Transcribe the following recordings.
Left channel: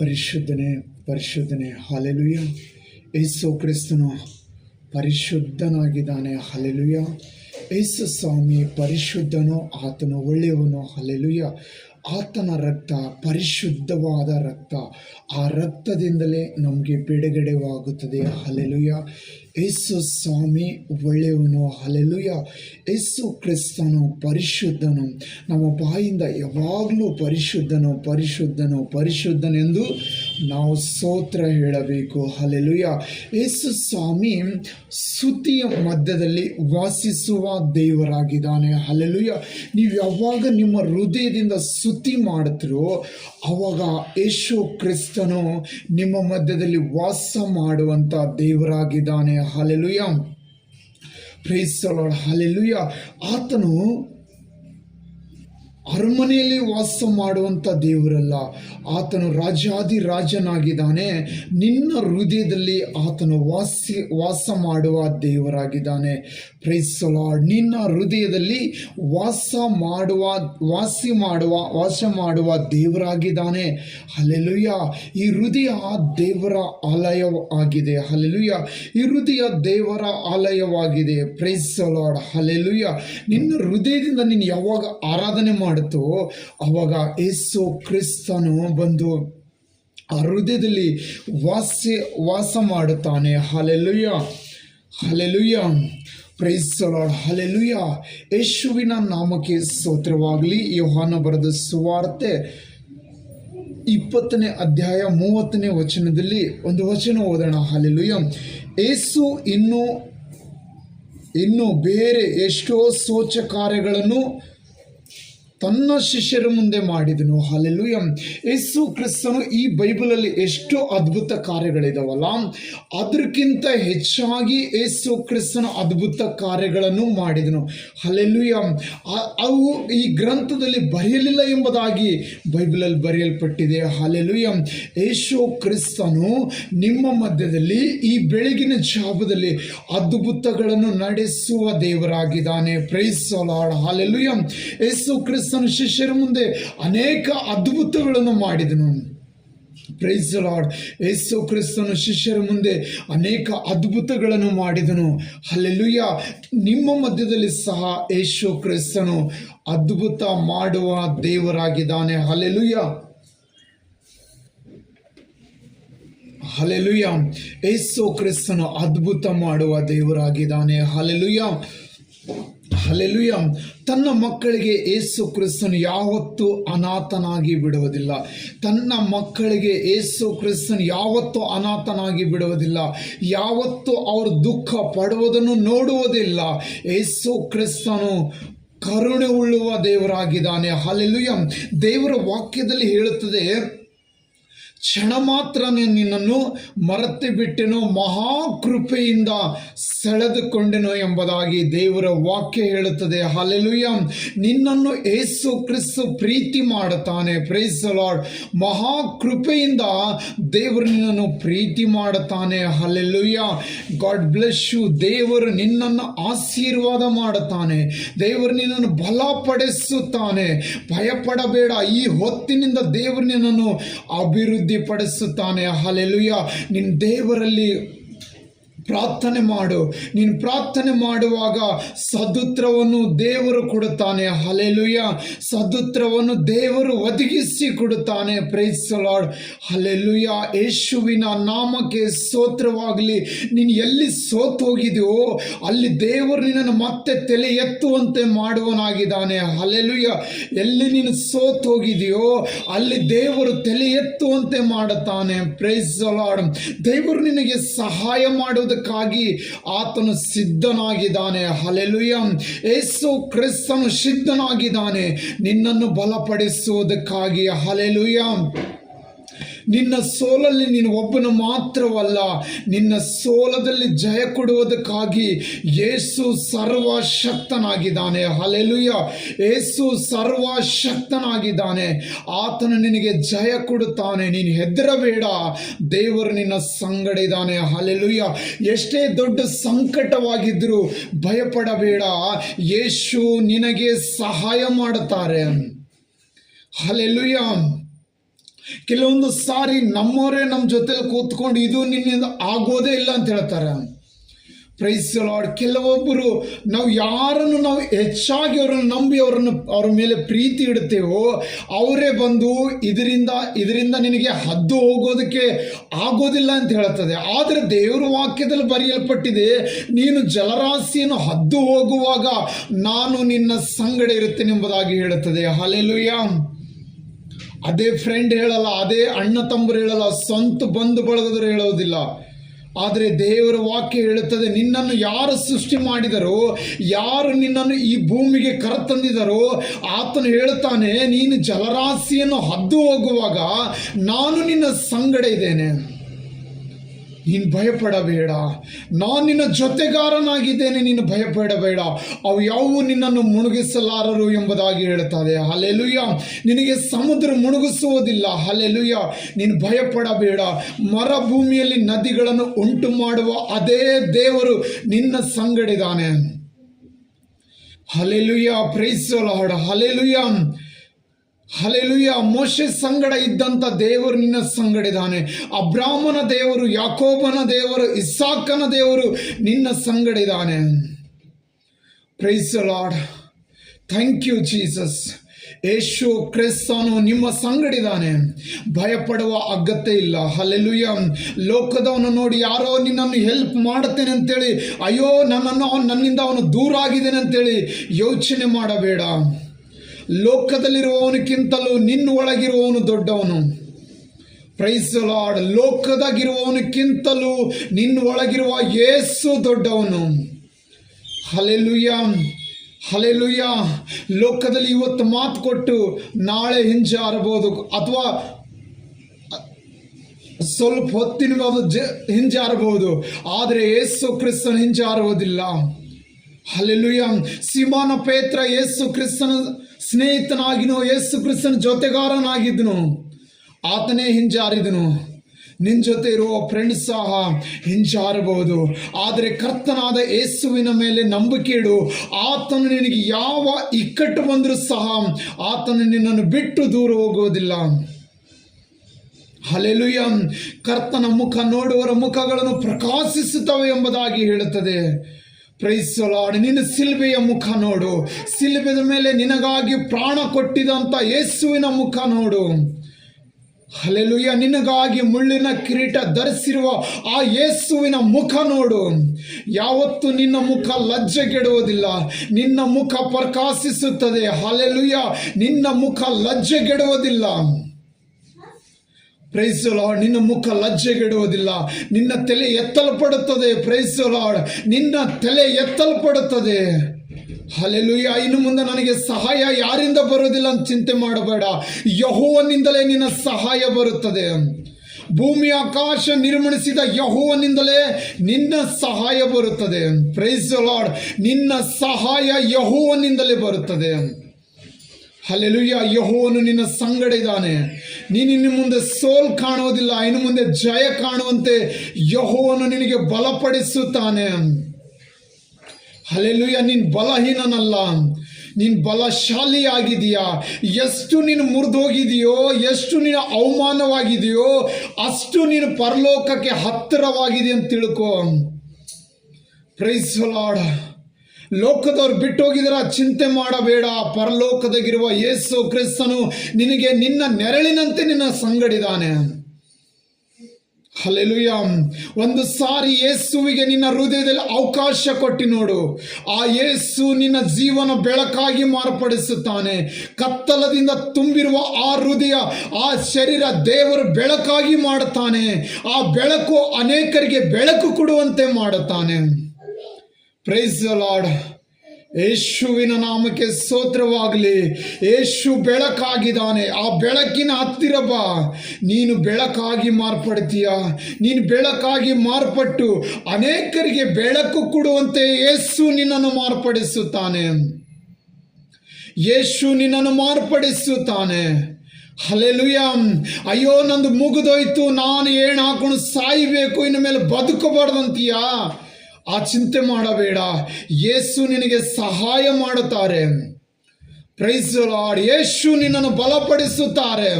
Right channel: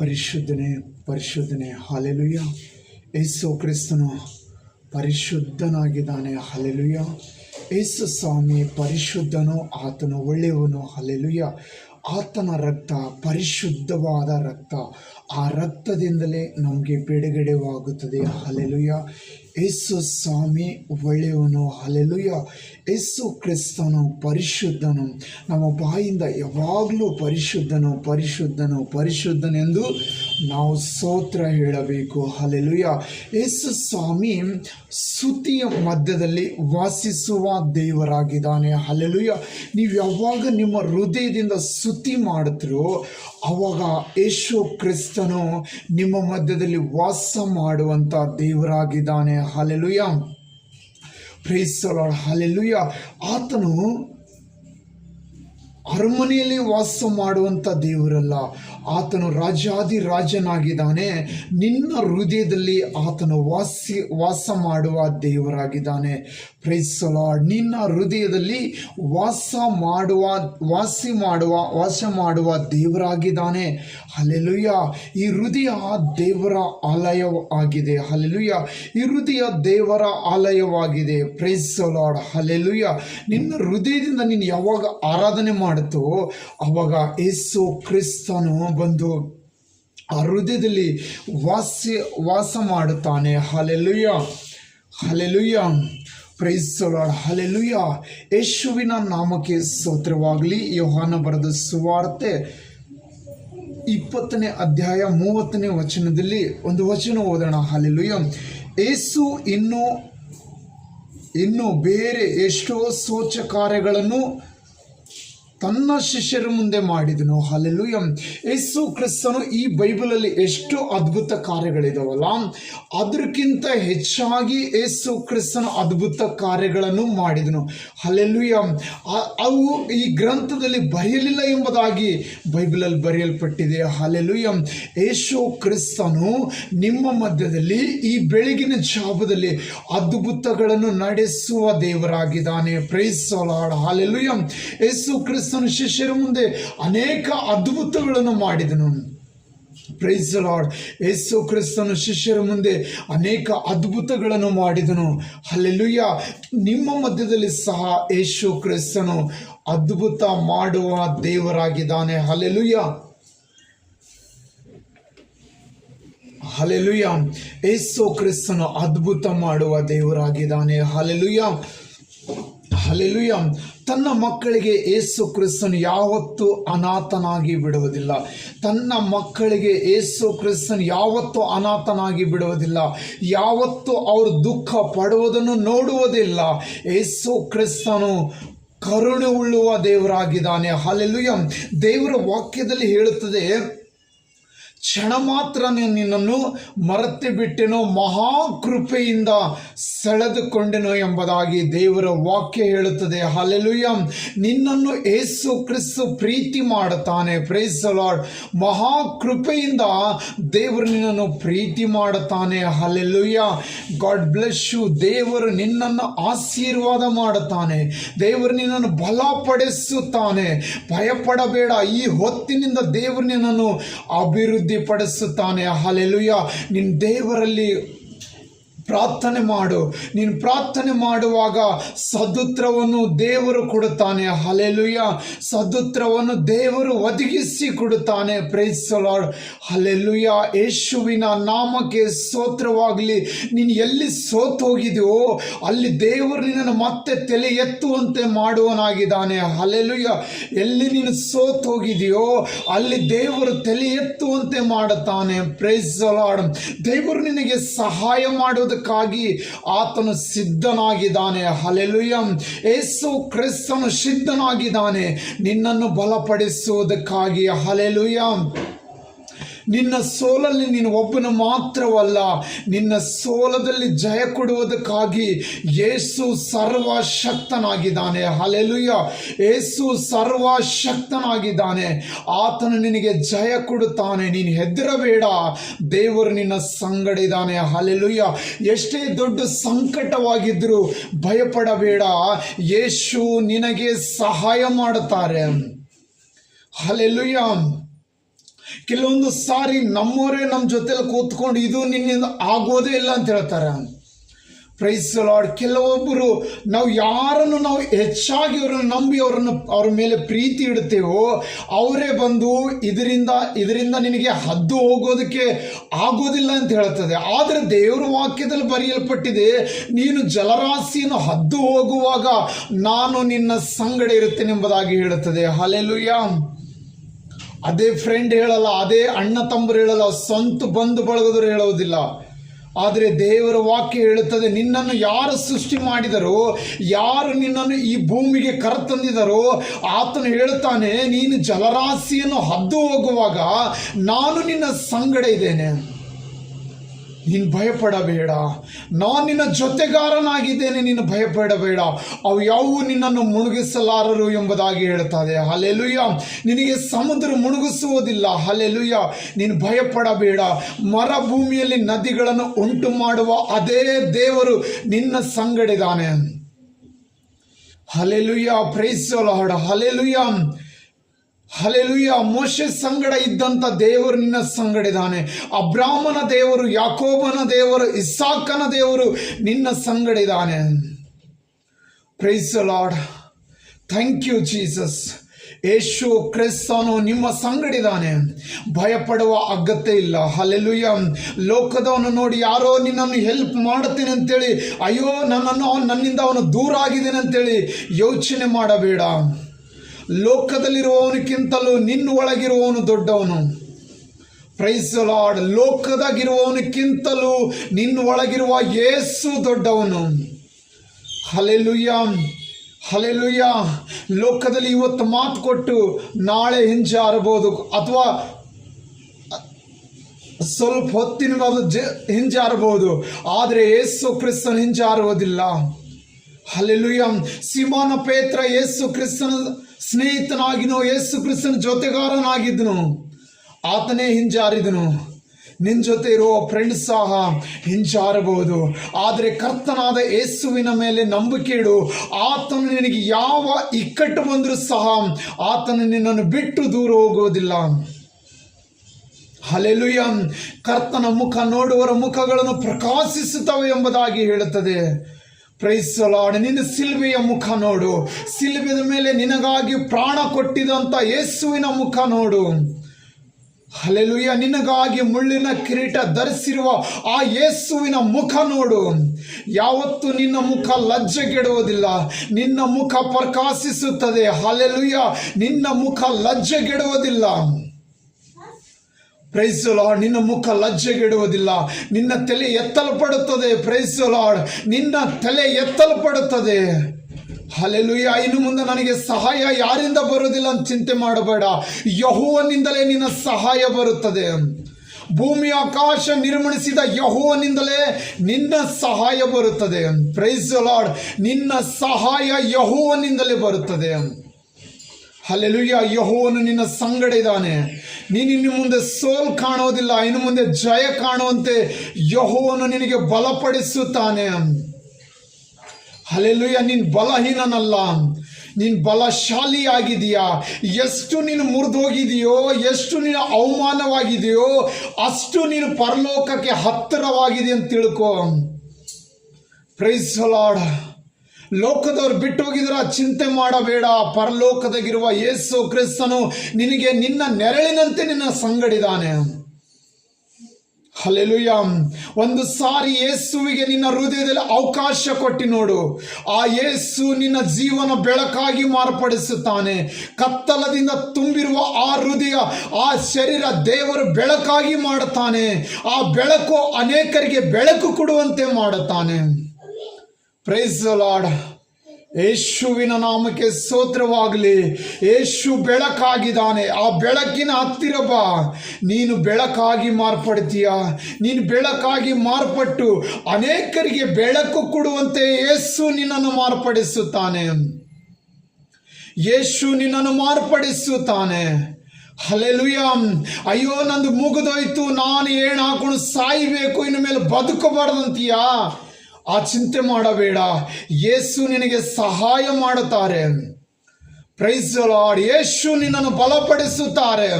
ಪರಿಶುದ್ಧನೇ hallelujah. ಯೇಸು ಕ್ರಿಸ್ತನು ಪರಿಶುದ್ಧನಾಗಿದ್ದಾನೆ. Hallelujah. ಯೇಸು ಸ್ವಾಮಿ ಪರಿಶುದ್ಧನು, ಆತನು ಒಳ್ಳೆಯವನು. ಹಲ್ಲೆಲೂಯ. ಆತನ ರಕ್ತ ಪರಿಶುದ್ಧವಾದ ರಕ್ತ. ಆ ರಕ್ತದಿಂದಲೇ ನಮಗೆ ಬಿಡುಗಡೆವಾಗುತ್ತದೆ. ಹಲ್ಲೆಲೂಯ. ಯೇಸು ಸ್ವಾಮಿ ಒಳ್ಳೆಯವನು. ಹಲ್ಲೆಲೂಯ. ಯೇಸು ಕ್ರಿಸ್ತನು ಪರಿಶುದ್ಧನು. ನಮ್ಮ ಬಾಯಿಂದ ಯಾವಾಗಲೂ ಪರಿಶುದ್ಧನೆಂದು ನಾವು ಸ್ತೋತ್ರ ಹೇಳಬೇಕು. ಹಲ್ಲೆಲೂಯ. ಯೇಸು ಸ್ವಾಮಿ ಸ್ತುತಿಯ ಮಧ್ಯದಲ್ಲಿ ವಾಸಿಸುವ ದೇವರಾಗಿದ್ದಾನೆ. ಹಲ್ಲೆಲೂಯ. ನೀವು ಯಾವಾಗ ನಿಮ್ಮ ಹೃದಯದಿಂದ ಸ್ತುತಿ ಮಾಡುತ್ತೀರೋ ಆವಾಗ ಯೇಸು ಕ್ರಿಸ್ತನು ನಿಮ್ಮ ಮಧ್ಯದಲ್ಲಿ ವಾಸ ಮಾಡುವಂಥ ದೇವರಾಗಿದ್ದಾನೆ. Hallelujah. Praise the lord. Hallelujah. ಆತನು ಅರಮನೆಯಲ್ಲಿ ವಾಸ ಮಾಡುವಂಥ ದೇವರಲ್ಲ, ಆತನು ರಾಜನಾಗಿದ್ದಾನೆ. ನಿನ್ನ ಹೃದಯದಲ್ಲಿ ಆತನು ವಾಸ ಮಾಡುವ ದೇವರಾಗಿದ್ದಾನೆ. Praise the Lord. ನಿನ್ನ ಹೃದಯದಲ್ಲಿ ವಾಸ ಮಾಡುವ ದೇವರಾಗಿದ್ದಾನೆ. ಹಲ್ಲೆಲೂಯ. ಈ ಹೃದಯ ದೇವರ ಆಲಯ ಆಗಿದೆ. ಹಲ್ಲೆಲೂಯ. ಈ ಹೃದಯ ದೇವರ ಆಲಯವಾಗಿದೆ. Praise the lord. ಹಲ್ಲೆಲೂಯ. ನಿನ್ನ ಹೃದಯದಿಂದ ನೀನು ಯಾವಾಗ ಆರಾಧನೆ ಮಾಡುತ್ತೋ ಅವಾಗ ಯೇಸು ಕ್ರಿಸ್ತನು ಬಂದು ಆ ಹೃದಯದಲ್ಲಿ ವಾಸ ಮಾಡುತ್ತಾನೆ. Hallelujah. Hallelujah. Praise the lord. Hallelujah. ಯೇಸುವಿನ ನಾಮಕ್ಕೆ ಸ್ತೋತ್ರವಾಗಲಿ. ಯೋಹಾನ ಬರೆದ ಸುವಾರ್ತೆ 20ನೇ ಅಧ್ಯಾಯ 30ನೇ ವಚನದಲ್ಲಿ ಒಂದು ವಚನ ಓದೋಣ. ಹಲ್ಲೆಲೂಯ. ಯೇಸು ಇನ್ನು ಬೇರೆ ಎಷ್ಟೋ ಸೂಚಕ-ಕಾರ್ಯಗಳನ್ನು ತನ್ನ ಶಿಷ್ಯರ ಮುಂದೆ ಮಾಡಿದನು. ಹಲ್ಲೆಲೂಯ. ಯೇಸು ಕ್ರಿಸ್ತನು ಈ ಬೈಬಲಲ್ಲಿ ಎಷ್ಟು ಅದ್ಭುತ ಕಾರ್ಯಗಳಿದಾವಲ್ಲ, ಅದಕ್ಕಿಂತ ಹೆಚ್ಚಾಗಿ ಯೇಸು ಕ್ರಿಸ್ತನ ಅದ್ಭುತ ಕಾರ್ಯಗಳನ್ನು ಮಾಡಿದನು. ಹಲ್ಲೆಲೂಯ. ಅವು ಈ ಗ್ರಂಥದಲ್ಲಿ ಬರೆಯಲಿಲ್ಲ ಎಂಬುದಾಗಿ ಬೈಬಲಲ್ಲಿ ಬರೆಯಲ್ಪಟ್ಟಿದೆ. ಹಲ್ಲೆಲೂಯ. ಯೇಸು ಕ್ರಿಸ್ತನು ನಿಮ್ಮ ಮಧ್ಯದಲ್ಲಿ ಈ ಬೆಳಗಿನ ಜಾವದಲ್ಲಿ ಅದ್ಭುತಗಳನ್ನು ನಡೆಸುವ ದೇವರಾಗಿದ್ದಾನೆ. Praise the lord. ಹಲ್ಲೆಲೂಯ. ಯೇಸು ಕ್ರಿಸ್ತನು ಶಿಷ್ಯರ ಮುಂದೆ ಅನೇಕ ಅದ್ಭುತಗಳನ್ನು ಮಾಡಿದನು. Price the lord. ಯೇಸು ಕ್ರಿಸ್ತನು ಶಿಷ್ಯರ ಮುಂದೆ ಅನೇಕ ಅದ್ಭುತಗಳನ್ನು ಮಾಡಿದನು. ಹಲ್ಲೆಲೂಯ. ನಿಮ್ಮ ಮಧ್ಯದಲ್ಲಿ ಸಹ ಯೇಸು ಕ್ರಿಸ್ತನು ಅದ್ಭುತ ಮಾಡುವ ದೇವರಾಗಿದ್ದಾನೆ. ಹಲ್ಲೆಲೂಯ. ಹಲ್ಲೆಲೂಯ. ಯೇಸು ಕ್ರಿಸ್ತನು ಅದ್ಭುತ ಮಾಡುವ ದೇವರಾಗಿದ್ದಾನೆ. ಹಲ್ಲೆಲೂಯ. ಹಲ್ಲೆಲೂಯ. ತನ್ನ ಮಕ್ಕಳಿಗೆ ಯೇಸು ಕ್ರಿಸ್ತನು ಯಾವತ್ತೂ ಅನಾಥನಾಗಿ ಬಿಡುವುದಿಲ್ಲ. ತನ್ನ ಮಕ್ಕಳಿಗೆ ಯೇಸು ಕ್ರಿಸ್ತನು ಯಾವತ್ತೂ ಅನಾಥನಾಗಿ ಬಿಡುವುದಿಲ್ಲ. ಯಾವತ್ತೂ ಅವರು ದುಃಖ ಪಡುವುದನ್ನು ನೋಡುವುದಿಲ್ಲ. ಯೇಸು ಕ್ರಿಸ್ತನು ಕರುಣೆ ಉಳ್ಳುವ ದೇವರಾಗಿದ್ದಾನೆ. ಹಲ್ಲೆಲೂಯ. ದೇವರ ವಾಕ್ಯದಲ್ಲಿ ಹೇಳುತ್ತದೆ, ಕ್ಷಣ ಮಾತ್ರ ನಿನ್ನನ್ನು ಮರೆತು ಬಿಟ್ಟೆನೋ, ಮಹಾಕೃಪೆಯಿಂದ ಸೆಳೆದುಕೊಂಡೆನೋ ಎಂಬುದಾಗಿ ದೇವರ ವಾಕ್ಯ ಹೇಳುತ್ತದೆ. ಹಲ್ಲೆಲೂಯ. ನಿನ್ನನ್ನು ಯೇಸು ಕ್ರಿಸ್ತ ಪ್ರೀತಿ ಮಾಡುತ್ತಾನೆ. Praise the lord. ಮಹಾಕೃಪೆಯಿಂದ ದೇವರು ನಿನ್ನನ್ನು ಪ್ರೀತಿ ಮಾಡುತ್ತಾನೆ. ಹಲ್ಲೆಲೂಯ. God bless you. ದೇವರು ನಿನ್ನನ್ನು ಆಶೀರ್ವಾದ ಮಾಡುತ್ತಾನೆ. ದೇವರು ನಿನ್ನನ್ನು ಬಲಪಡಿಸುತ್ತಾನೆ. ಭಯಪಡಬೇಡ. ಈ ಹೊತ್ತಿನಿಂದ ದೇವರು ನಿನ್ನನ್ನು ಅಭಿವೃದ್ಧಿ ಪಡಿಸುತ್ತಾನೆ. ಹಲ್ಲೆಲೂಯ. ನಿನ್ನ ದೇವರಲ್ಲಿ ಪ್ರಾರ್ಥನೆ ಮಾಡು. ನೀನು ಪ್ರಾರ್ಥನೆ ಮಾಡುವಾಗ ಸದುತ್ತರವನ್ನು ದೇವರು ಕೊಡುತ್ತಾನೆ. ಹಲ್ಲೆಲೂಯ. ಸದುತ್ತರವನ್ನು ದೇವರು ಒದಗಿಸಿ ಕೊಡುತ್ತಾನೆ. Praise the lord. ಹಲ್ಲೆಲೂಯ. ಯೇಸುವಿನ ನಾಮಕ್ಕೆ ಸ್ತೋತ್ರವಾಗಲಿ. ನೀನು ಎಲ್ಲಿ ಸೋತು ಹೋಗಿದೆಯೋ ಅಲ್ಲಿ ದೇವರು ನಿನ್ನನ್ನು ಮತ್ತೆ ತಲೆ ಎತ್ತುವಂತೆ ಮಾಡುವನಾಗಿದ್ದಾನೆ. ಹಲ್ಲೆಲೂಯ. ಎಲ್ಲಿ ನೀನು ಸೋತು ಹೋಗಿದೆಯೋ ಅಲ್ಲಿ ದೇವರು ತಲೆ ಎತ್ತುವಂತೆ ಮಾಡುತ್ತಾನೆ. Praise the Lord. ದೇವರು ನಿನಗೆ ಸಹಾಯ ಮಾಡುವುದಕ್ಕಾಗಿ ಆತನು ಸಿದ್ಧನಾಗಿದ್ದಾನೆ. ಹಲ್ಲೆಲೂಯ. ಯೇಸು ಕ್ರಿಸ್ತನು ಸಿದ್ಧನಾಗಿದ್ದಾನೆ ನಿನ್ನನ್ನು ಬಲಪಡಿಸುವುದಕ್ಕಾಗಿ. ಹಲ್ಲೆಲೂಯ. ನಿನ್ನ ಸೋಲಲ್ಲಿ ನೀನು ಒಬ್ಬನ ಮಾತ್ರವಲ್ಲ, ನಿನ್ನ ಸೋಲದಲ್ಲಿ ಜಯ ಕೊಡುವುದಕ್ಕಾಗಿ ಯೇಸು ಸರ್ವಶಕ್ತನಾಗಿದ್ದಾನೆ. ಹಲ್ಲೆಲೂಯ. ಯೇಸು ಸರ್ವಶಕ್ತನಾಗಿದ್ದಾನೆ. ಆತನು ನಿನಗೆ ಜಯ ಕೊಡುತ್ತಾನೆ. ನೀನು ಹೆದರಬೇಡ. ದೇವರು ನಿನ್ನ ಸಂಗಡ ಇದ್ದಾನೆ. ಹಲ್ಲೆಲೂಯ. ಎಷ್ಟೇ ದೊಡ್ಡ ಸಂಕಟವಾಗಿದ್ದರೂ ಭಯಪಡಬೇಡ. ಯೇಸು ನಿನಗೆ ಸಹಾಯ ಮಾಡುತ್ತಾರೆ. ಹಲ್ಲೆಲೂಯ. ಕೆಲವೊಂದು ಸಾರಿ ನಮ್ಮವರೇ ನಮ್ಮ ಜೊತೆಲಿ ಕೂತ್ಕೊಂಡು ಇದು ನಿನ್ನಿಂದ ಆಗೋದೇ ಇಲ್ಲ ಅಂತ ಹೇಳ್ತಾರೆ. Praise the Lord. ಕೆಲವೊಬ್ಬರು ನಾವು ಯಾರನ್ನು ನಾವು ಹೆಚ್ಚಾಗಿ ಅವರನ್ನು ನಂಬಿ ಅವ್ರ ಮೇಲೆ ಪ್ರೀತಿ ಇಡುತ್ತೇವೋ ಅವರೇ ಬಂದು ಇದರಿಂದ ನಿನಗೆ ಹದ್ದು ಹೋಗೋದಕ್ಕೆ ಆಗೋದಿಲ್ಲ ಅಂತ ಹೇಳ್ತದೆ. ಆದರೆ ದೇವರ ವಾಕ್ಯದಲ್ಲಿ ಬರೆಯಲ್ಪಟ್ಟಿದೆ, ನೀನು ಜಲರಾಶಿಯನ್ನು ಹದ್ದು ಹೋಗುವಾಗ ನಾನು ನಿನ್ನ ಸಂಗಡ ಇರುತ್ತೇನೆ ಎಂಬುದಾಗಿ ಹೇಳುತ್ತದೆ. ಹಲ್ಲೆಲೂಯಾ. ಅದೇ ಫ್ರೆಂಡ್ ಹೇಳಲ್ಲ, ಅದೇ ಅಣ್ಣ ತಮ್ಮರು ಹೇಳಲ್ಲ, ಸ್ವಂತ ಬಂಧು ಬಳಗದರು ಹೇಳುವುದಿಲ್ಲ. ಆದರೆ ದೇವರ ವಾಕ್ಯ ಹೇಳುತ್ತದೆ, ನಿನ್ನನ್ನು ಯಾರು ಸೃಷ್ಟಿ ಮಾಡಿದರೋ, ಯಾರು ನಿನ್ನನ್ನು ಈ ಭೂಮಿಗೆ ಕರೆತಂದಿದರೋ ಆತನು ಹೇಳ್ತಾನೆ, ನೀನು ಜಲರಾಶಿಯನ್ನು ಹದ್ದು ಹೋಗುವಾಗ ನಾನು ನಿನ್ನ ಸಂಗಡ ಇದ್ದೇನೆ, ನೀನು ಭಯಪಡಬೇಡ, ನಾನು ನಿನ್ನ ಜೊತೆಗಾರನಾಗಿದ್ದೇನೆ, ನೀನು ಭಯಪಡಬೇಡ, ಅವು ಯಾವುವು ನಿನ್ನನ್ನು ಮುಳುಗಿಸಲಾರರು ಎಂಬುದಾಗಿ ಹೇಳ್ತಾರೆ. ಹಲ್ಲೆಲೂಯಾ. ನಿನಗೆ ಸಮುದ್ರ ಮುಳುಗಿಸುವುದಿಲ್ಲ. ಹಲ್ಲೆಲೂಯಾ. ನೀನು ಭಯಪಡಬೇಡ. ಮರುಭೂಮಿಯಲ್ಲಿ ನದಿಗಳನ್ನು ಉಂಟು ಮಾಡುವ ಅದೇ ದೇವರು ನಿನ್ನ ಸಂಗಡಿದಾನೆ. Hallelujah. Praise the lord. Hallelujah. Hallelujah. ಮೋಶೆ ಸಂಗಡ ಇದ್ದಂಥ ದೇವರು ನಿನ್ನ ಸಂಗಡಿದಾನೆ. ಅಬ್ರಾಮನ ದೇವರು, ಯಾಕೋಬನ ದೇವರು, ಇಸಾಕನ ದೇವರು ನಿನ್ನ ಸಂಗಡಿದಾನೆ. Praise the lord. Thank you Jesus. ಯೇಸು ಕ್ರಿಸ್ತನು ನಿಮ್ಮ ಸಂಗಡಿದಾನೆ. ಭಯಪಡುವ ಅಗತ್ಯ ಇಲ್ಲ. ಹಲ್ಲೆಲೂಯಾ. ಲೋಕದವನು ನೋಡಿ ಯಾರೋ ನಿನ್ನನ್ನು ಹೆಲ್ಪ್ ಮಾಡುತ್ತೇನೆ ಅಂತೇಳಿ, ಅಯ್ಯೋ ನನ್ನಿಂದ ಅವನು ದೂರ ಆಗಿದ್ದೇನೆ ಅಂತೇಳಿ ಯೋಚನೆ ಮಾಡಬೇಡ. ಲೋಕದಲ್ಲಿರುವವನಿಗಿಂತಲೂ ನಿನ್ನ ಒಳಗಿರುವವನು ದೊಡ್ಡವನು. Price the lord. ಲೋಕದಾಗಿರುವವನಿಗಿಂತಲೂ ನಿನ್ನ ಒಳಗಿರುವ ಯೇಸು ದೊಡ್ಡವನು. ಹಲ್ಲೆಲೂಯಾ. ಹಲ್ಲೆಲೂಯಾ. ಲೋಕದಲ್ಲಿ ಇವತ್ತು ಮಾತು ಕೊಟ್ಟು ನಾಳೆ ಹಿಂಜಾರಬಹುದು, ಅಥವಾ ಸ್ವಲ್ಪ ಹೊತ್ತಿನ ಹಿಂಜಾರಬಹುದು, ಆದರೆ ಯೇಸು ಕ್ರಿಸ್ತನ ಹಿಂಜಾರುವುದಿಲ್ಲ. ಹಲ್ಲೆಲೂಯಾ. ಸಿಮೋನ ಪೇತ್ರ ಯೇಸು ಕ್ರಿಸ್ತನ ಸ್ನೇಹಿತನಾಗಿನು, ಯೇಸು ಕ್ರಿಸ್ತನ ಜೊತೆಗಾರನಾಗಿದ್ದನು, ಆತನೇ ಹಿಂಜಾರಿದನು. ನಿನ್ನ ಜೊತೆ ಇರುವ ಫ್ರೆಂಡ್ಸ್ ಸಹ ಹಿಂಜಾರಬಹುದು, ಆದರೆ ಕರ್ತನಾದ ಯೇಸುವಿನ ಮೇಲೆ ನಂಬಿಕೆ ಇಡು. ಆತನು ನಿನಗೆ ಯಾವ ಇಕ್ಕಟ್ಟು ಬಂದರೂ ಸಹ ಆತನು ನಿನ್ನನ್ನು ಬಿಟ್ಟು ದೂರ ಹೋಗುವುದಿಲ್ಲ. ಹಲ್ಲೆಲೂಯಾ. ಕರ್ತನ ಮುಖ ನೋಡುವವರ ಮುಖಗಳನ್ನು ಪ್ರಕಾಶಿಸುತ್ತವೆ ಎಂಬುದಾಗಿ ಹೇಳುತ್ತದೆ. Praise the Lord. ನಿನ್ನ ಸಿಲುಬೆಯ ಮುಖ ನೋಡು. ಸಿಲುಬೆಯ ಮೇಲೆ ನಿನಗಾಗಿ ಪ್ರಾಣ ಕೊಟ್ಟಿದಂಥ ಯೇಸುವಿನ ಮುಖ ನೋಡು. ಹಲ್ಲೆಲೂಯಾ. ನಿನಗಾಗಿ ಮುಳ್ಳಿನ ಕಿರೀಟ ಧರಿಸಿರುವ ಆ ಯೇಸುವಿನ ಮುಖ ನೋಡು. ಯಾವತ್ತು ನಿನ್ನ ಮುಖ ಲಜ್ಜೆಗೆಡುವುದಿಲ್ಲ, ನಿನ್ನ ಮುಖ ಪ್ರಕಾಶಿಸುತ್ತದೆ. ಹಲ್ಲೆಲೂಯಾ. ನಿನ್ನ ಮುಖ ಲಜ್ಜೆಗೆಡುವುದಿಲ್ಲ. Price the Lord. ನಿನ್ನ ಮುಖ ಲಜ್ಜೆಗೆಡುವುದಿಲ್ಲ. ನಿನ್ನ ತಲೆ ಎತ್ತಲ್ಪಡುತ್ತದೆ. Price the Lord. ನಿನ್ನ ತಲೆ ಎತ್ತಲ್ಪಡುತ್ತದೆ. ಹಲ್ಲೆಲೂಯಾ. ಇನ್ನು ಮುಂದೆ ನನಗೆ ಸಹಾಯ ಯಾರಿಂದ ಬರುವುದಿಲ್ಲ ಅಂತ ಚಿಂತೆ ಮಾಡಬೇಡ. ಯೆಹೋವನಿಂದಲೇ ನಿನ್ನ ಸಹಾಯ ಬರುತ್ತದೆ. ಭೂಮಿ ಆಕಾಶ ನಿರ್ಮಿಸಿದ ಯೆಹೋವನಿಂದಲೇ ನಿನ್ನ ಸಹಾಯ ಬರುತ್ತದೆ. Praise the Lord. ನಿನ್ನ ಸಹಾಯ ಯೆಹೋವನಿಂದಲೇ ಬರುತ್ತದೆ. ಹಲ್ಲೆಲೂಯಾ. ಯೆಹೋವನು ನಿನ್ನ ಸಂಗಡ ಇದ್ದಾನೆ. ನೀನು ಇನ್ನು ಮುಂದೆ ಸೋಲ್ ಕಾಣುವುದಿಲ್ಲ, ಇನ್ನು ಮುಂದೆ ಜಯ ಕಾಣುವಂತೆ ಯೆಹೋವನು ನಿನಗೆ ಬಲಪಡಿಸುತ್ತಾನೆ. ಹಲ್ಲೆಲೂಯಾ. ನೀನು ಬಲಹೀನನಲ್ಲ, ನೀನು ಬಲಶಾಲಿಯಾಗಿದೆಯಾ. ಎಷ್ಟು ನೀನು ಮುರಿದೋಗಿದೆಯೋ, ಎಷ್ಟು ನೀನು ಅವಮಾನವಾಗಿದೆಯೋ, ಅಷ್ಟು ನೀನು ಪರಲೋಕಕ್ಕೆ ಹತ್ತಿರವಾಗಿದೆ ಅಂತ ತಿಳ್ಕೊ. Price the lord. ಲೋಕದವ್ರು ಬಿಟ್ಟು ಹೋಗಿದ್ರ ಚಿಂತೆ ಮಾಡಬೇಡ. ಪರಲೋಕದಾಗಿರುವ ಯೇಸು ಕ್ರಿಸ್ತನು ನಿನಗೆ ನಿನ್ನ ನೆರಳಿನಂತೆ ನಿನ್ನ ಸಂಗಡಿದಾನೆ. ಹಲ್ಲೆಲೂಯಾ. ಒಂದು ಸಾರಿ ಯೇಸುವಿಗೆ ನಿನ್ನ ಹೃದಯದಲ್ಲಿ ಅವಕಾಶ ಕೊಟ್ಟು ನೋಡು. ಆ ಯೇಸು ನಿನ್ನ ಜೀವನ ಬೆಳಕಾಗಿ ಮಾರ್ಪಡಿಸುತ್ತಾನೆ. ಕತ್ತಲದಿಂದ ತುಂಬಿರುವ ಆ ಹೃದಯ, ಆ ಶರೀರ ದೇವರು ಬೆಳಕಾಗಿ ಮಾಡುತ್ತಾನೆ. ಆ ಬೆಳಕು ಅನೇಕರಿಗೆ ಬೆಳಕು ಕೊಡುವಂತೆ ಮಾಡುತ್ತಾನೆ. Praise the Lord. ಯೇಸುವಿನ ನಾಮಕ್ಕೆ ಸ್ತೋತ್ರವಾಗಲಿ. ಯೇಸು ಬೆಳಕಾಗಿದ್ದಾನೆ. ಆ ಬೆಳಕಿನ ಹತ್ತಿರ ಬಾ. ನೀನು ಬೆಳಕಾಗಿ ಮಾರ್ಪಡ್ತೀಯ. ನೀನು ಬೆಳಕಾಗಿ ಮಾರ್ಪಟ್ಟು ಅನೇಕರಿಗೆ ಬೆಳಕು ಕೊಡುವಂತೆ ಯೇಸು ನಿನ್ನನ್ನು ಮಾರ್ಪಡಿಸುತ್ತಾನೆ. ಯೇಸು ನಿನ್ನನ್ನು ಮಾರ್ಪಡಿಸುತ್ತಾನೆ. ಹಲ್ಲೆಲೂಯಾ. ಅಯ್ಯೋ ನಂದು ಮುಗಿದೋಯ್ತು, ನಾನು ಏಣು ಹಾಕೊಂಡು ಸಾಯಬೇಕು, ಇನ್ನು ಮೇಲೆ ಬದುಕಬಾರ್ದಂತೀಯಾ? ಆ ಚಿಂತೆ ಮಾಡಬೇಡ. ಯೇಸು ನಿನಗೆ ಸಹಾಯ ಮಾಡುತ್ತಾರೆ. Price the lord. ಯೇಸು ನಿನ್ನನ್ನು ಬಲಪಡಿಸುತ್ತಾರೆ.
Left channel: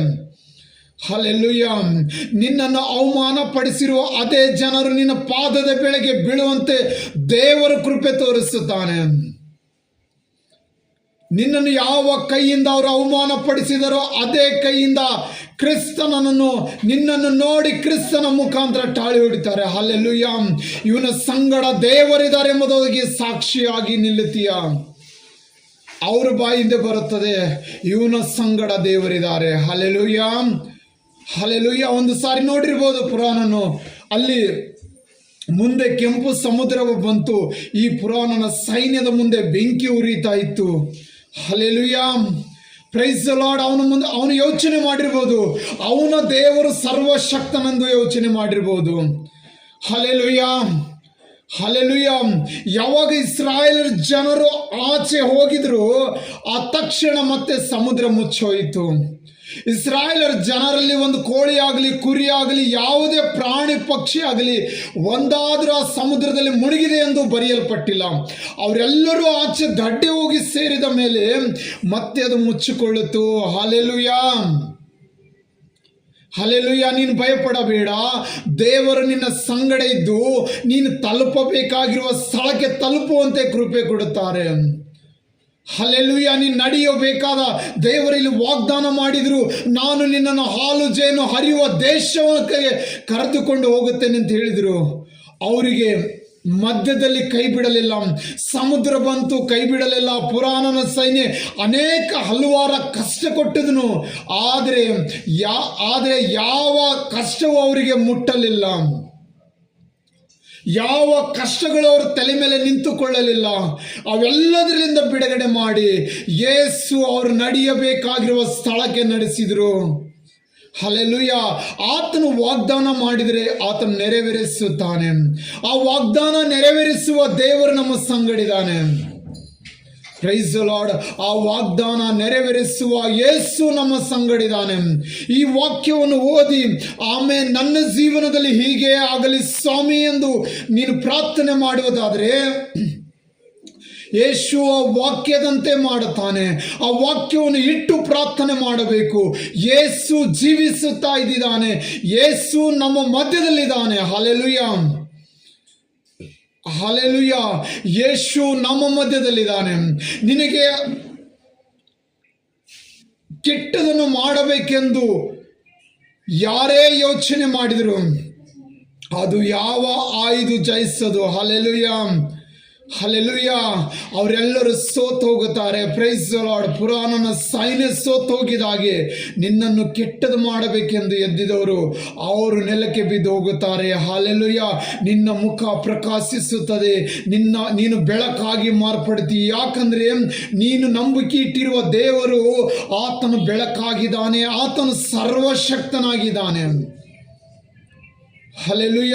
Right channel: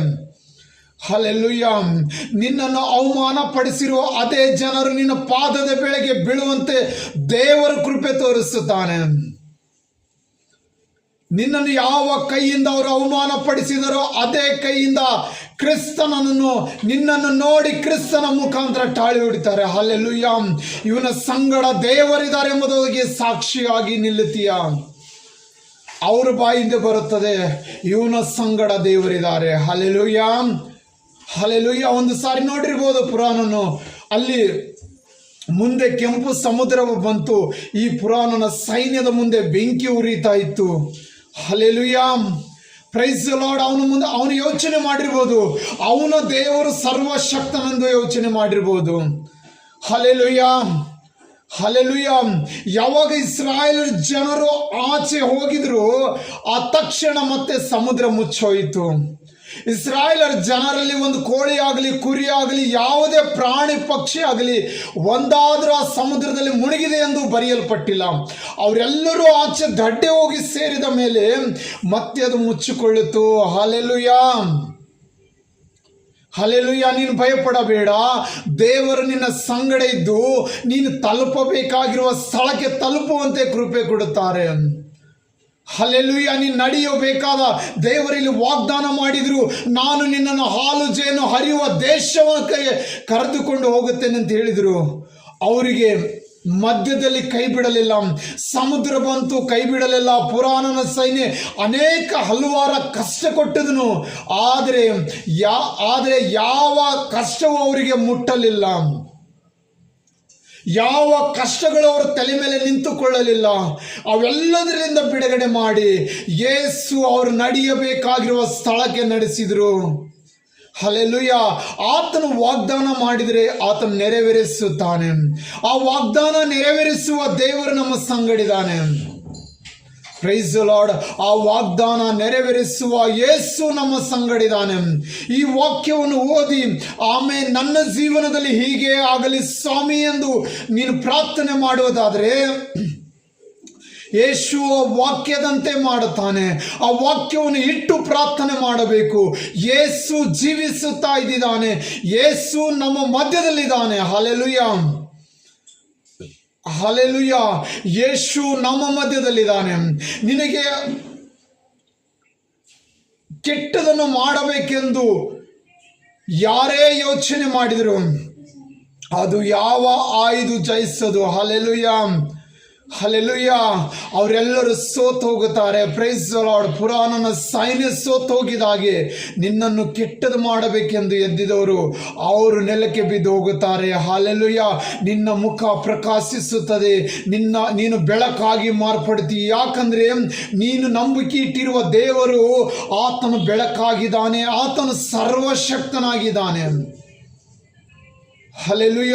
ಹಲ್ಲೆಲೂಯ. ನಿನ್ನನ್ನು ಅವಮಾನ ಪಡಿಸಿರುವ ಅದೇ ಜನರು ನಿನ್ನ ಪಾದದ ಬೆಳೆಗೆ ಬೀಳುವಂತೆ ದೇವರು ಕೃಪೆ ತೋರಿಸುತ್ತಾನೆ. ನಿನ್ನನ್ನು ಯಾವ ಕೈಯಿಂದ ಅವರು ಅವಮಾನ ಪಡಿಸಿದರೋ ಅದೇ ಕೈಯಿಂದ ನಿನ್ನನ್ನು ನೋಡಿ ಕ್ರಿಸ್ತನ ಮುಖಾಂತರ ಟಾಳಿ ಹೊಡಿತಾರೆ. ಹಲ್ಲೆಲೂಯ. ಇವನ ಸಂಗಡ ದೇವರಿದ್ದಾರೆ ಎಂಬುದಾಗಿ ಸಾಕ್ಷಿಯಾಗಿ ನಿಲ್ಲುತ್ತೀಯ. ಅವ್ರ ಬಾಯಿಂದ ಬರುತ್ತದೆ, ಇವನ ಸಂಗಡ ದೇವರಿದ್ದಾರೆ. Hallelujah, hallelujah. ಒಂದು ಸಾರಿ ನೋಡಿರ್ಬೋದು ಪುರಾಣನು, ಅಲ್ಲಿ ಮುಂದೆ ಕೆಂಪು ಸಮುದ್ರ ಬಂತು, ಈ ಪುರಾಣನ ಸೈನ್ಯದ ಮುಂದೆ ಬೆಂಕಿ ಉರಿತಾ ಇತ್ತು. Hallelujah, praise the Lord. ಅವನು ಯೋಚನೆ ಮಾಡಿರ್ಬೋದು, ಅವನ ದೇವರು ಸರ್ವಶಕ್ತನೆಂದು ಯೋಚನೆ ಮಾಡಿರ್ಬೋದು. Hallelujah, hallelujah. ಯಾವಾಗ ಇಸ್ರಾಯೇಲ್ ಜನರು ಆಚೆ ಹೋಗಿದ್ರು, ಆ ತಕ್ಷಣ ಮತ್ತೆ ಸಮುದ್ರ ಮುಚ್ಚೋಯಿತು. ಇಸ್ರಾಯೇಲರ ಜನರಲ್ಲಿ ಒಂದು ಕೋಳಿ ಆಗಲಿ ಕುರಿ ಆಗಲಿ ಯಾವುದೇ ಪ್ರಾಣಿ ಪಕ್ಷಿ ಆಗಲಿ ಒಂದಾದ್ರೂ ಆ ಸಮುದ್ರದಲ್ಲಿ ಮುಳುಗಿದೆ ಎಂದು ಬರೆಯಲ್ಪಟ್ಟಿಲ್ಲ. ಅವರೆಲ್ಲರೂ ಆಚೆ ದಡ್ಡೆ ಹೋಗಿ ಸೇರಿದ ಮೇಲೆ ಮತ್ತೆ ಅದು ಮುಚ್ಚಿಕೊಳ್ಳಿತು. Hallelujah, hallelujah. ನೀನು ಭಯಪಡಬೇಡ, ದೇವರು ನಿನ್ನ ಸಂಗಡ ಇದ್ದು ನೀನು ತಲುಪಬೇಕಾಗಿರುವ ಸ್ಥಳಕ್ಕೆ ತಲುಪುವಂತೆ ಕೃಪೆ ಕೊಡುತ್ತಾರೆ. ಹಲ್ಲೆಲೂಯ. ನೀನು ನಡೆಯಬೇಕಾದ ದೇವರಲ್ಲಿ ವಾಗ್ದಾನ ಮಾಡಿದ್ರು, ನಾನು ನಿನ್ನನ್ನು ಹಾಲು ಜೇನು ಹರಿಯುವ ದೇಶಕ್ಕೆ ಕರೆದುಕೊಂಡು ಹೋಗುತ್ತೇನೆ ಅಂತ ಹೇಳಿದರು. ಅವರಿಗೆ ಮಧ್ಯದಲ್ಲಿ ಕೈ ಬಿಡಲಿಲ್ಲ. ಸಮುದ್ರ ಬಂತು, ಕೈ ಬಿಡಲಿಲ್ಲ. ಪುರಾಣನ ಸೈನ್ಯ ಹಲವಾರು ಕಷ್ಟ ಕೊಟ್ಟಿದನು, ಆದರೆ ಯಾವ ಕಷ್ಟವೂ ಅವರಿಗೆ ಮುಟ್ಟಲಿಲ್ಲ. ಯಾವ ಕಷ್ಟಗಳು ಅವ್ರ ತಲೆ ಮೇಲೆ ನಿಂತುಕೊಳ್ಳಲಿಲ್ಲ. ಅವೆಲ್ಲದರಿಂದ ಬಿಡುಗಡೆ ಮಾಡಿ ಯೇಸು ಅವರು ನಡೆಯಬೇಕಾಗಿರುವ ಸ್ಥಳಕ್ಕೆ ನಡೆಸಿದರು. ಹಲ್ಲೆಲೂಯ. ಆತನು ವಾಗ್ದಾನ ಮಾಡಿದರೆ ಆತನು ನೆರವೇರಿಸುತ್ತಾನೆ. ಆ ವಾಗ್ದಾನ ನೆರವೇರಿಸುವ ದೇವರು ನಮ್ಮ ಸಂಗಡಿದ್ದಾನೆ. Price the lord. ಆ ವಾಗ್ದಾನ ನೆರವೇರಿಸುವ ಯೇಸು ನಮ್ಮ ಸಂಗಡಿದ್ದಾನೆ. ಈ ವಾಕ್ಯವನ್ನು ಓದಿ ಆಮೇಲೆ ನನ್ನ ಜೀವನದಲ್ಲಿ ಹೀಗೆ ಆಗಲಿ ಸ್ವಾಮಿ ಎಂದು ನೀನು ಪ್ರಾರ್ಥನೆ ಮಾಡುವುದಾದರೆ ಯೇಸು ವಾಕ್ಯದಂತೆ ಮಾಡುತ್ತಾನೆ. ಆ ವಾಕ್ಯವನ್ನು ಇಟ್ಟು ಪ್ರಾರ್ಥನೆ ಮಾಡಬೇಕು. ಯೇಸು ಜೀವಿಸುತ್ತಾ ಇದ್ದಾನೆ. ಯೇಸು ನಮ್ಮ ಮಧ್ಯದಲ್ಲಿದ್ದಾನೆ. Hallelujah, hallelujah. ಯೇಸು ನಮ್ಮ ಮಧ್ಯದಲ್ಲಿದ್ದಾನೆ. ನಿನಗೆ ಕೆಟ್ಟದನ್ನು ಮಾಡಬೇಕೆಂದು ಯಾರೇ ಯೋಚನೆ ಮಾಡಿದರು ಅದು ಯಾವ ಆಯುಧ ಜಯಿಸದು. Hallelujah, hallelujah. ಅವರೆಲ್ಲರೂ ಸೋತು ಹೋಗುತ್ತಾರೆ. Price the lord. ಪುರಾಣನ ಸೈನ್ಯ ಸೋತು ಹೋಗಿದಾಗೆ ನಿನ್ನನ್ನು ಕೆಟ್ಟದು ಮಾಡಬೇಕೆಂದು ಎದ್ದಿದವರು ಅವರು ನೆಲಕ್ಕೆ ಬಿದ್ದು ಹೋಗುತ್ತಾರೆ. ಹಲ್ಲೆಲೂಯ. ನಿನ್ನ ಮುಖ ಪ್ರಕಾಶಿಸುತ್ತದೆ. ನೀನು ಬೆಳಕಾಗಿ ಮಾರ್ಪಡ್ತಿ. ಯಾಕಂದ್ರೆ ನೀನು ನಂಬಿಕೆ ಇಟ್ಟಿರುವ ದೇವರು ಆತನು ಬೆಳಕಾಗಿದ್ದಾನೆ. ಆತನು ಸರ್ವಶಕ್ತನಾಗಿದ್ದಾನೆ. ಹಲ್ಲೆಲೂಯ.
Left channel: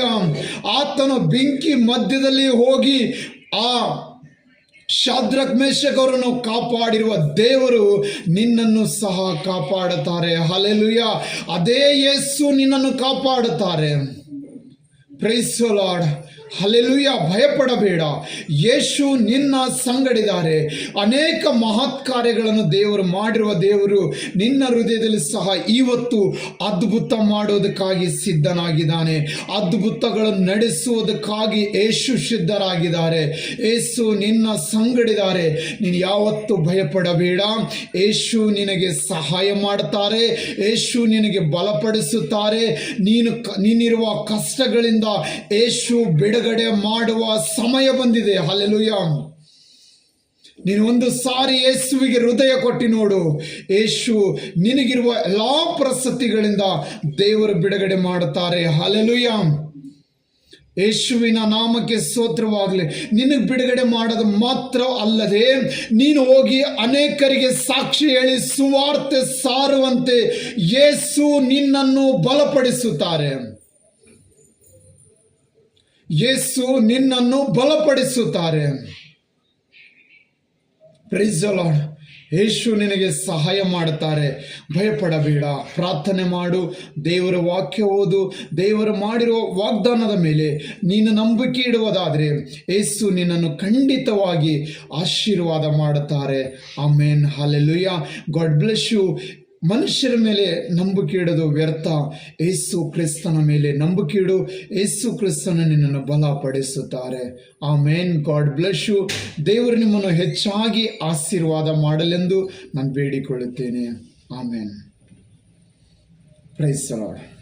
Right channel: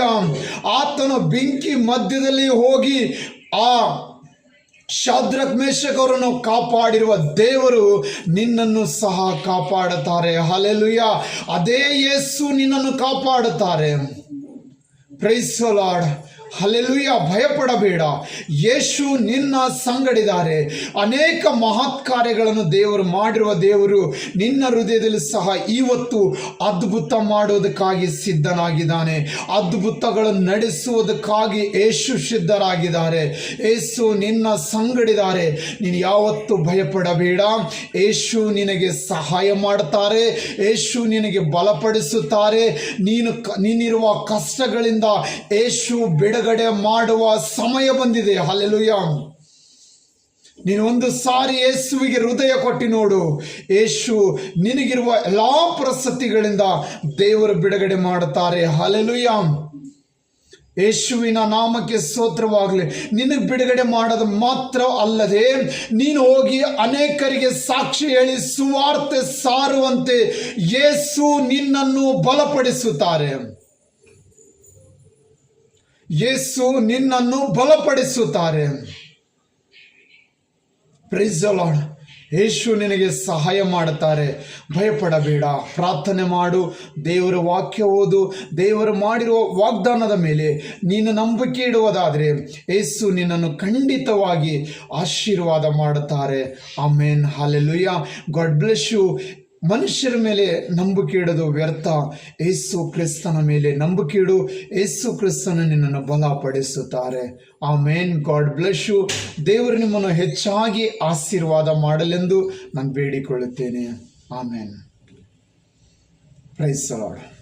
ಆತನು ಬೆಂಕಿ ಮಧ್ಯದಲ್ಲಿ ಹೋಗಿ ಆ ಶಾದ್ರಕ್ ಮೇಷಕ್ ಅವರನ್ನು ಕಾಪಾಡಿರುವ ದೇವರು ನಿನ್ನನ್ನು ಸಹ ಕಾಪಾಡುತ್ತಾರೆ. ಹಲ್ಲೆಲೂಯ. ಅದೇ ಯೇಸು ನಿನ್ನನ್ನು ಕಾಪಾಡುತ್ತಾರೆ. Praise the lord. ಹಲ್ಲೆಲೂಯ. ಭಯಪಡಬೇಡ, ಯೇಸು ನಿನ್ನ ಸಂಗಡಿದ್ದಾರೆ. ಅನೇಕ ಮಹತ್ ಕಾರ್ಯಗಳನ್ನು ದೇವರು ಮಾಡಿರುವ ದೇವರು ನಿನ್ನ ಹೃದಯದಲ್ಲಿ ಸಹ ಇವತ್ತು ಅದ್ಭುತ ಮಾಡುವುದಕ್ಕಾಗಿ ಸಿದ್ಧನಾಗಿದ್ದಾನೆ. ಅದ್ಭುತಗಳನ್ನು ನಡೆಸುವುದಕ್ಕಾಗಿ ಯೇಸು ಸಿದ್ಧರಾಗಿದ್ದಾರೆ. ಯೇಸು ನಿನ್ನ ಸಂಗಡಿದ್ದಾರೆ. ನೀನು ಯಾವತ್ತೂ ಭಯಪಡಬೇಡ. ಯೇಸು ನಿನಗೆ ಸಹಾಯ ಮಾಡುತ್ತಾರೆ. ಯೇಸು ನಿನಗೆ ಬಲಪಡಿಸುತ್ತಾರೆ. ನೀನಿರುವ ಕಷ್ಟಗಳಿಂದ ಯೇಸು ಬಿಡುಗಡೆ ಮಾಡುವ ಸಮಯ ಬಂದಿದೆ. ಹಲ್ಲೆಲೂಯ. ನೀನು ಒಂದು ಸಾರಿ ಯೇಸುವಿಗೆ ಹೃದಯ ಕೊಟ್ಟು ನೋಡು. ಯೇಸು ನಿನಗಿರುವ ಎಲ್ಲಾ ಪರಿಸ್ಥಿತಿಗಳಿಂದ ದೇವರು ಬಿಡುಗಡೆ ಮಾಡುತ್ತಾರೆ. ಹಲ್ಲೆಲೂಯ. ಯೇಸುವಿನ ನಾಮಕ್ಕೆ ಸ್ತೋತ್ರವಾಗಲಿ. ನಿನಗೆ ಬಿಡುಗಡೆ ಮಾಡೋದು ಮಾತ್ರ ಅಲ್ಲದೆ ನೀನು ಹೋಗಿ ಅನೇಕರಿಗೆ ಸಾಕ್ಷಿ ಹೇಳಿ ಸುವಾರ್ತೆ ಸಾರುವಂತೆ ಯೇಸು ನಿನ್ನನ್ನು ಬಲಪಡಿಸುತ್ತಾರೆ. ಯೇಸು ನಿನ್ನನ್ನು ಬಲಪಡಿಸುತ್ತಾರೆ. Praise the lord. ಯೇಸು ನಿನಗೆ ಸಹಾಯ ಮಾಡುತ್ತಾರೆ. ಭಯಪಡಬೇಡ. ಪ್ರಾರ್ಥನೆ ಮಾಡು. ದೇವರ ವಾಕ್ಯ ಓದು. ದೇವರು ಮಾಡಿರುವ ವಾಗ್ದಾನದ ಮೇಲೆ ನೀನು ನಂಬಿಕೆ ಇಡುವುದಾದರೆ ಯೇಸು ನಿನ್ನನ್ನು ಖಂಡಿತವಾಗಿ ಆಶೀರ್ವಾದ ಮಾಡುತ್ತಾರೆ. Amen. Hallelujah. God bless you. ಮನುಷ್ಯರ ಮೇಲೆ ನಂಬಿಕೆ ಇಡೋದು ವ್ಯರ್ಥ. ಯೇಸು ಕ್ರಿಸ್ತನ ಮೇಲೆ ನಂಬಿಕೆ ಇಡು. ಯೇಸು ಕ್ರಿಸ್ತನ ನಿನ್ನನ್ನು ಬಲಪಡಿಸುತ್ತಾರೆ. ಆಮೇನ್. God bless you. ದೇವರು ನಿಮ್ಮನ್ನು ಹೆಚ್ಚಾಗಿ ಆಶೀರ್ವಾದ ಮಾಡಲೆಂದು ನಾನು ಬೇಡಿಕೊಳ್ಳುತ್ತೇನೆ. ಆಮೇನ್. Praise the lord.